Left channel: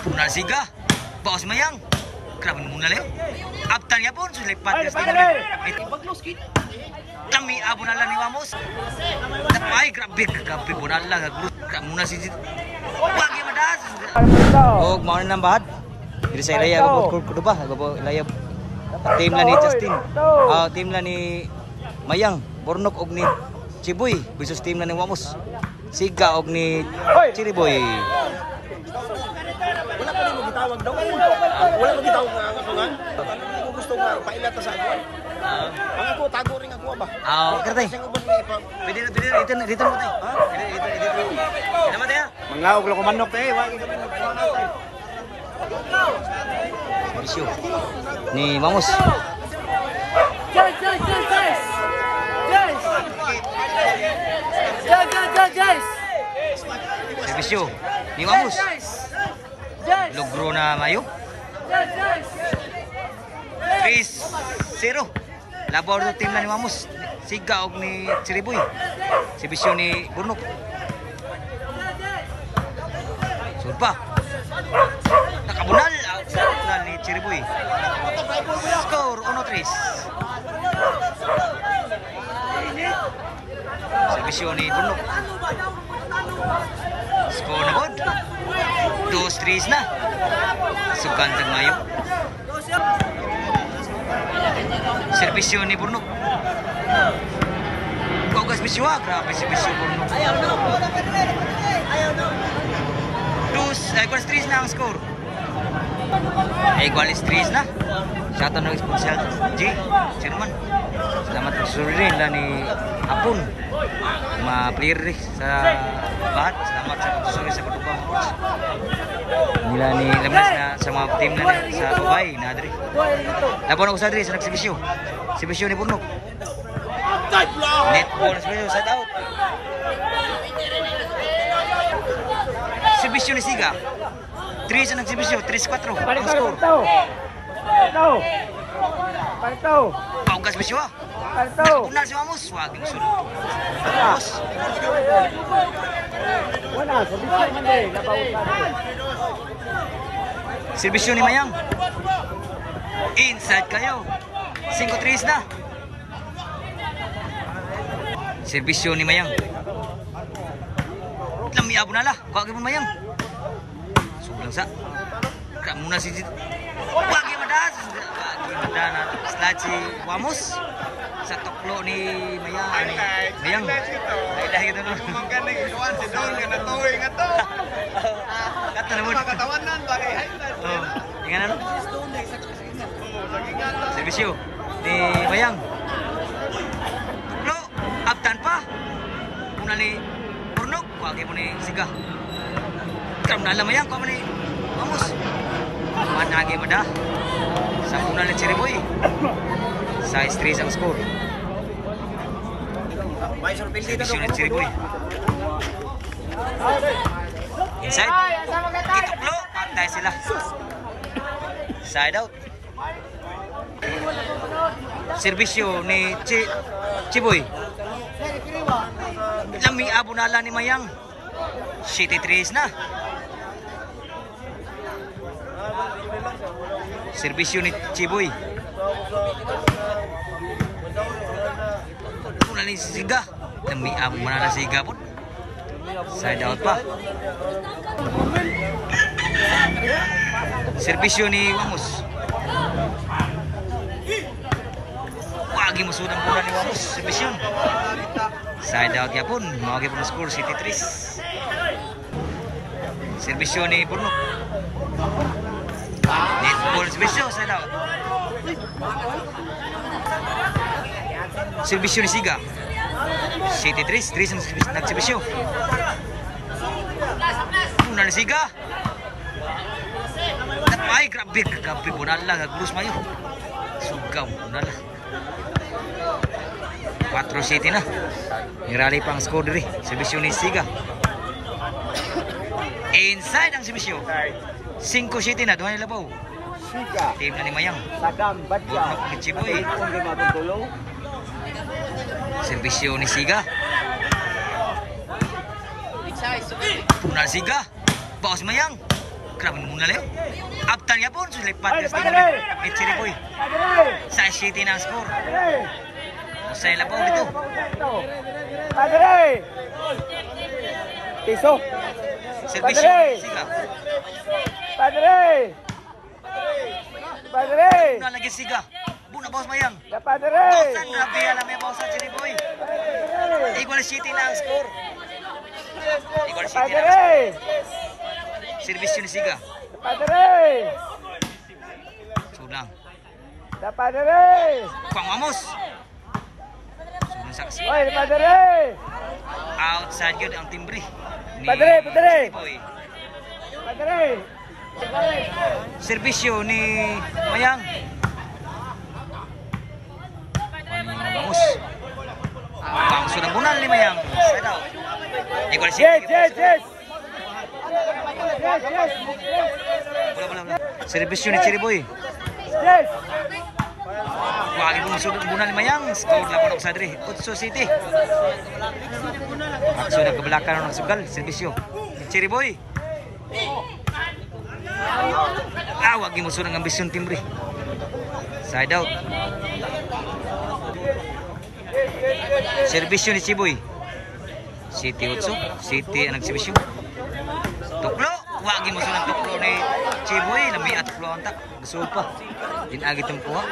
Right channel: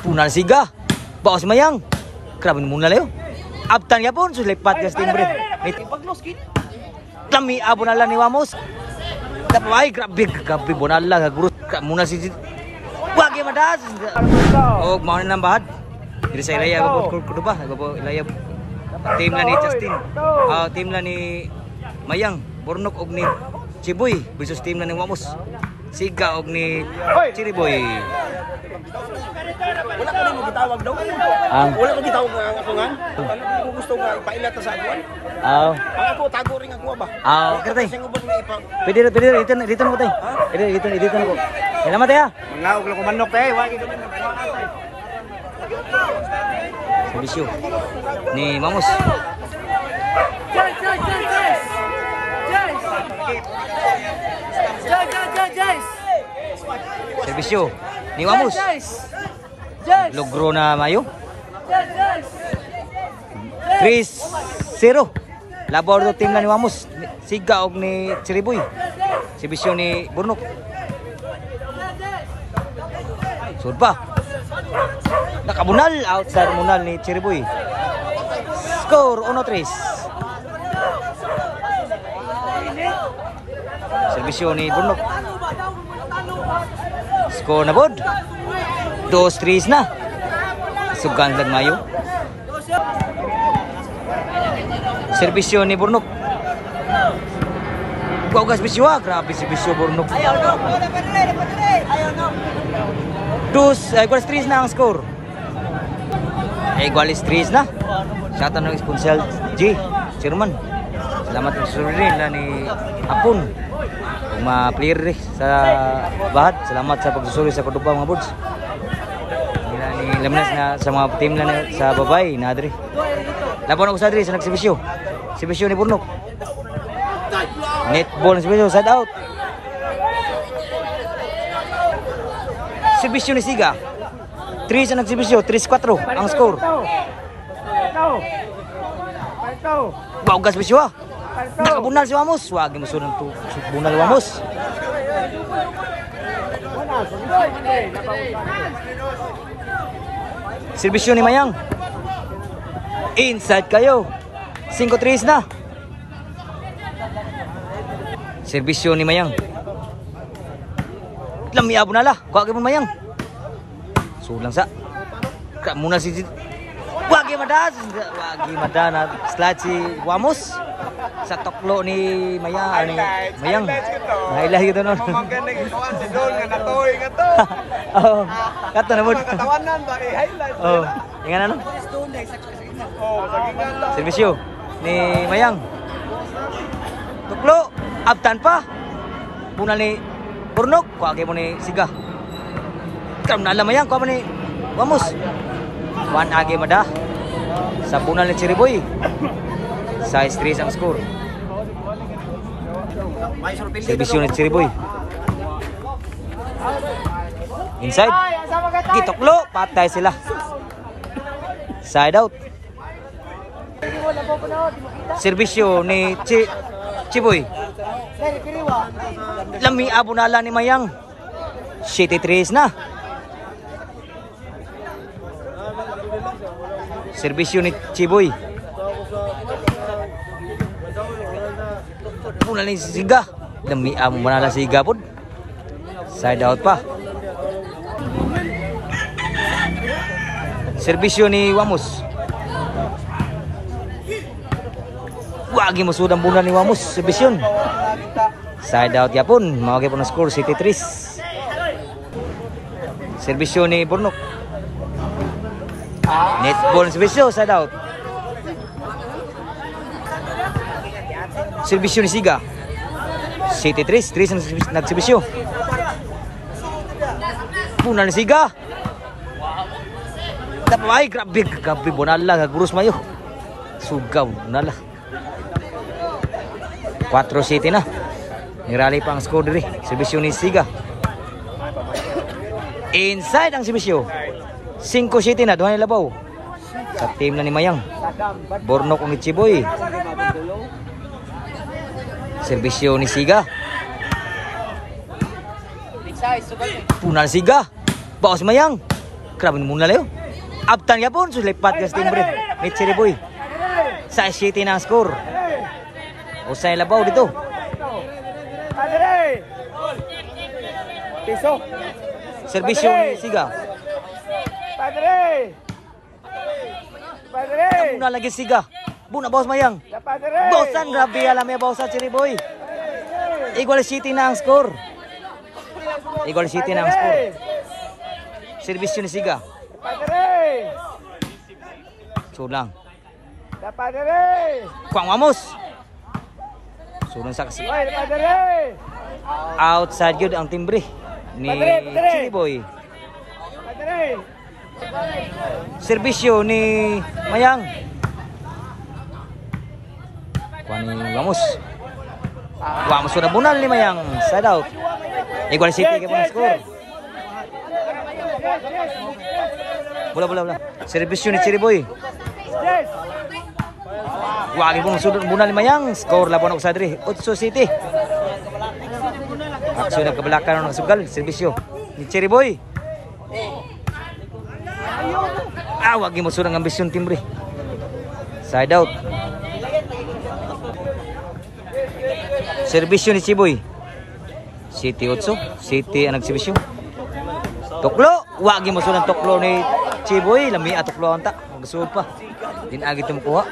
Punal siga. Baos mayang. Grabe muna layo. Abtan ya pun sulipat ya timbre. Kami abonala ni Wamos. Tapay grabe bonala gagurus muna si wagi madas. Oh mau nang bahad. Jadi saya laya babot kudu ba? Babot laya tim la ni Justin. Tim la ni Mayang, Bornok og ni Chiboy versus tim la ni Wamos. Siga og ni Chiriboy. Wala ko gitawag ako nga. Gusto nga pailat sa ako. Ako tago ring ako ba? Okay tay. Pwede dito na ko tay. Dito na ko. Salamat ya. Mga uglo ko manok tay. Servisyo ni Mamos. Servisyo ni Mamos. Logro na mayo. 3-0. Labor do team na ni Wamos. Siga og ni Chiriboy. Servisyo ni Bornok. Sud pa. Nakabunal out sa munal ni Chiriboy. Score 1-3. Servisyo ni Bornok. Score na bod. 2-3 na. Sugan lang mayo. Servisyo ni Bornok. Gugas biswa, grabe si Bisyo Bornok. 3 na ang score. Igualis 3 na. Shoutout ng sponsor G, Chairman. Salamat sa surin lang ni Apon. Kung ma-player sa bahat. Salamat sa pagsusuri sa Kotupa mga bods. Nila ni Laminas na sa mga team lang sa babay na adri. Laban ako sa adri sa nagsibisyo. Sibisyo ni Bornok. Netball na sibisyo, side out. Sibisyo ni Siga. 3 sa nagsibisyo, 3-4 ang score. Baugas bisyo ah. Nakabunal si Wamos. Wagi mo sunod to. Bunal Wamos. Servisyo ni Mayang. Inside kayo. 5-3 na. Servisyo ni Mayang. Lamiabo na lah. Kuwagi mo Mayang. Sulang sa. Kak muna si Wagi madas. Wagi madana. Slide si Wamos. Sa toklo ni Mayang. Nailah gitu non. Oh, kato na mo. Oh, ingan ano? Servisyo ni Mayang. Tuklo, abtan pa. Punal ni Bornok, kuwagi mo ni Siga. Kam na alam Mayang, kuha mo ni Wamos. 1 agi mada. Sa punal ni Chiriboy. Size 3 ang score. Servisyo ni Chiriboy. Inside. Kitoklo, patay sila. Side out. Servisyo ni Chiboy. Lami abunala ni Mayang. City 3 na. Servisyo ni Chiboy. Puna ni Siga. Lami abunala Siga pun. Side out pa. Servisyo ni Wamos. Wagi mo sudang bulan ni Wamos. Servisyon. Side out ya pun. Mawagi po na score. City 3. Servisyo ni Bornok. Netball servisyo. Side out. Servisyo ni Siga. City 3. 3 nagservisyo. Puna ni Siga. Tapay grabe bonala gagurus mayo. Sugaw bonala. 4-7 na. Nirali pa ang score diri. Servisyo ni Siga. Inside ang servisyo. 5-7 na. Duha ni labaw. Sa team na ni Mayang. Bornok ni Chiboy. Servisyo ni Siga. Punal Siga. Baos Mayang. Grabe muna layo. Abtan ya pun sulipat gas timbre. Ni Chiriboy. Sa City na ang score. Usay labaw dito. Piso. Serbisyo ni Siga. Muna lagi Siga. Buna bawas mayang. Bosan grabe alam ya bawas sa Chiriboy. Igual City na ang score. Igual City na ang score. Serbisyo ni Siga. Sunang. Kuang Wamos. Sunang saksi. Outside good ang timbre ni Chiriboy. Serbisyo ni Mayang. Kuan ni Wamos. Wamos sudah bunal ni Mayang. Side out. Igual City ke score. Bola. Serbisyo ni Chiriboy. Wagi pun sudut bunal ni Mayang. Skor laban sa diri. Otso City. Aksyon ke belakang ng sugal. Serbisyo ni Chiriboy. Wagi mo sudut ambisyon timbre. Side out. Serbisyo ni Chiriboy. City Otso. City ang nagsibisyo. Tuklo. Wagi mo sudut tuklo ni Chiriboy. Lami tuklo ang ta. Magsuod pa. Din agi ito makuha.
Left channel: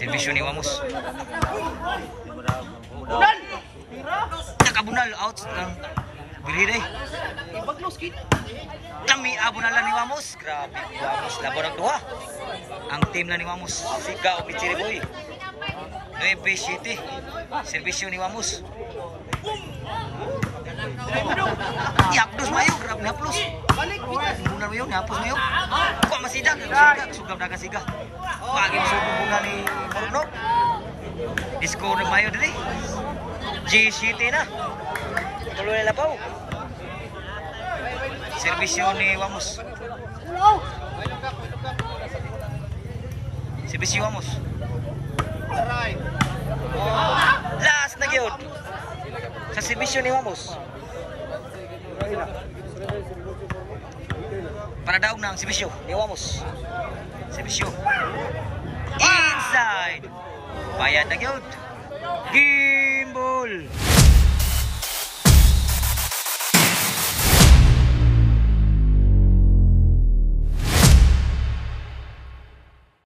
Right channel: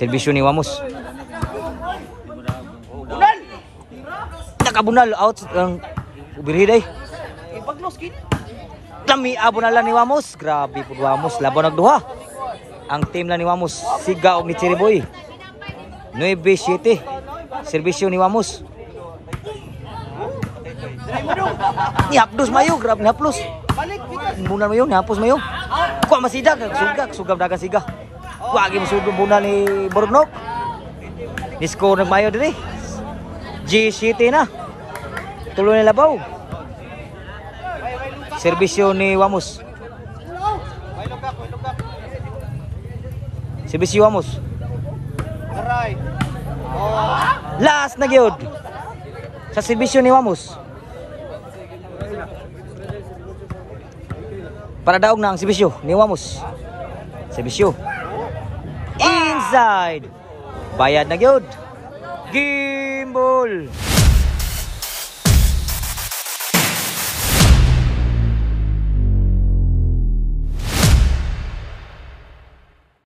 Serbisyo ni Wamos. Nakabunal out ang birhiday. Lami abunalan ni Wamos. Grabe po Wamos. Laban nagduha. Ang team lang ni Wamos. Siga o ni Chiriboy. 9-7. Serbisyo ni Wamos. Nihapdos mayo. Grabe nihaplos. Bunal mayo. Nihapos mayo. Kuha masidag. Sugab dagang siga. Wagi masugab bunal ni Borgnok. Ni-score nagmayo diri. G-City na. Tulo ni labaw. Serbisyo ni Wamos. Serbisyo Wamos. Last na gyud. Sa serbisyo ni Wamos. Para daog na ang serbisyo ni Wamos. Serbisyo. Inside. Bayad na gyud. Gimbal.